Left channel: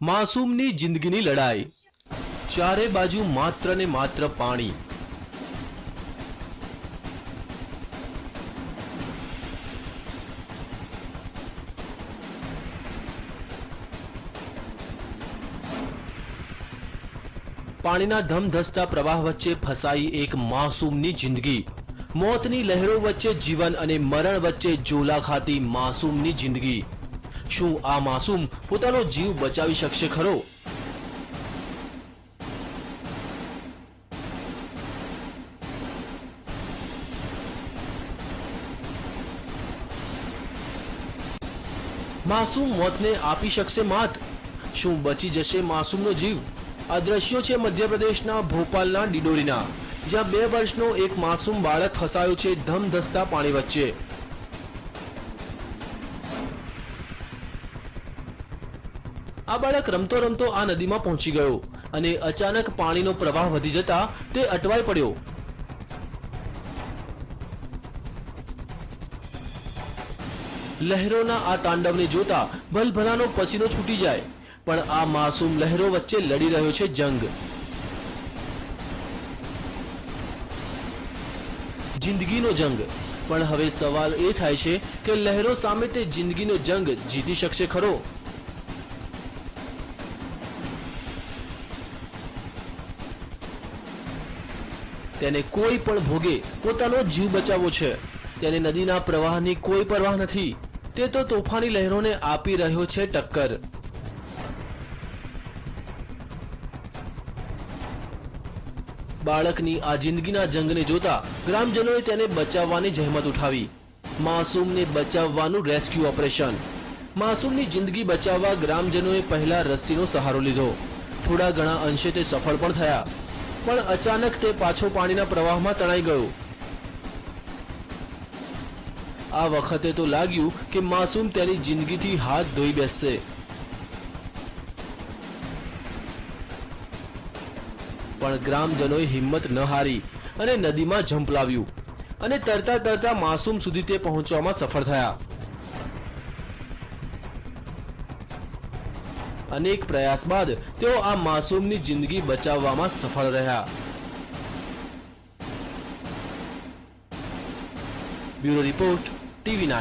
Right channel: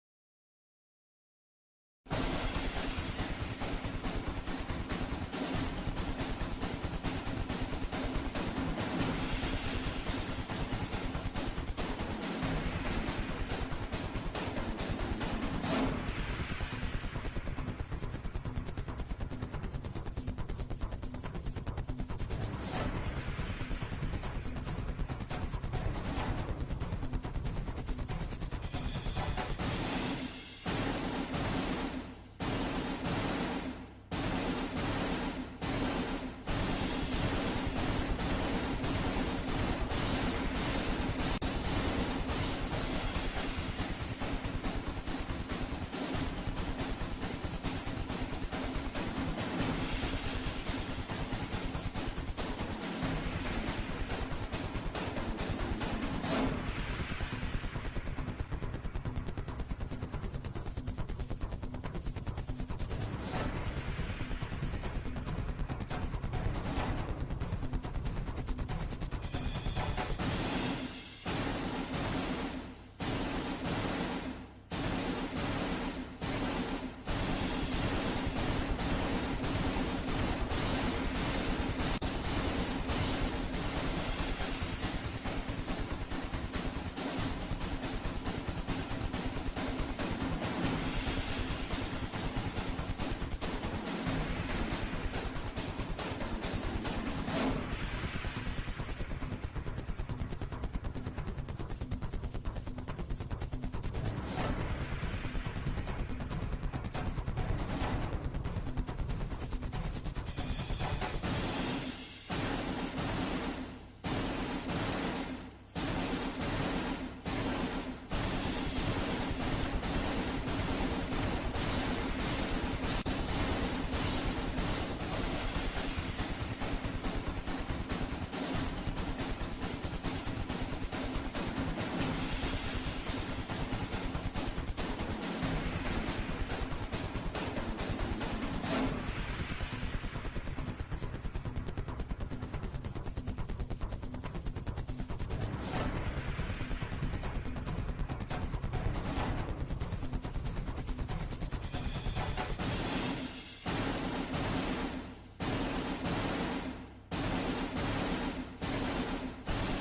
માસૂમની જિંદગીની લડાઈ, ચારે બાજુ માત્ર ને માત્ર પાણી। પાણીના ધમધસતા પ્રવાહ વચ્ચે ફસાઈ એક માસૂમની જિંદગી। મોતની લહેરો વચ્ચે જીવન અને મરણ વચ્ચે ઝોલા ખાતી માસૂમની જિંદગી। શું આ માસૂમ પોતાનો જીવ બચાવી શકશે ખરો? માસૂમ મોતને આપી શકશે માત? શું બચી જશે માસૂમનો જીવ? આ દ્રશ્યો છે મધ્યપ્રદેશના ભોપાલના ડિંડોરીના, જ્યાં 2 વર્ષનો એક માસૂમ બાળક ફસાયો છે ધમધસતા પાણી વચ્ચે। આ બાળક રમતો રમતો આ નદીમાં પહોંચી ગયો અને અચાનક પાણીનો પ્રવાહ વધી જતા તે અટવાઈ પડ્યો। લહેરોના આ તાંડવને જોતા ભલભલાનો પસીનો છૂટી જાય, પણ આ માસૂમ લહેરો વચ્ચે લડી રહ્યો છે જંગ। જિંદગીનો જંગ। પણ હવે સવાલ એ થાય છે કે લહેરો સામે તે જિંદગીનો જંગ જીતી શકશે ખરો? તેને કોઈ પણ ભોગે પોતાનો જીવ બચાવવો છે। તેને નદીના પ્રવાહની કોઈ પરવાહ નથી। તે તો તોફાની લહેરોને આપી રહ્યો છે ટક્કર। બાળકની આ જિંદગીના જંગને જોતા ગ્રામજનોએ તેને બચાવવાની જહેમત ઉઠાવી। માસૂમને બચાવવાનું રેસ્ક્યુ ઓપરેશન। માસૂમની જિંદગી બચાવવા ગ્રામજનોએ પહેલા રસ્સીનો સહારો લીધો। થોડા ઘણા અંશે તે સફળ પણ થયા, પણ અચાનક તે પાછો પાણીના પ્રવાહમાં તણાઈ ગયો। આ વખતે તો લાગ્યું કે માસૂમ તેની જિંદગીથી હાથ ધોઈ બેસશે। પણ ગ્રામજનોએ હિંમત ન હારી અને નદીમાં ઝંપલાવ્યું અને તરતા તરતા માસૂમ સુધી તે પહોંચવામાં સફળ થયા। અનેક પ્રયાસ બાદ તેઓ આ માસૂમની જિંદગી બચાવવામાં સફળ રહ્યા। Bureau report, TV9।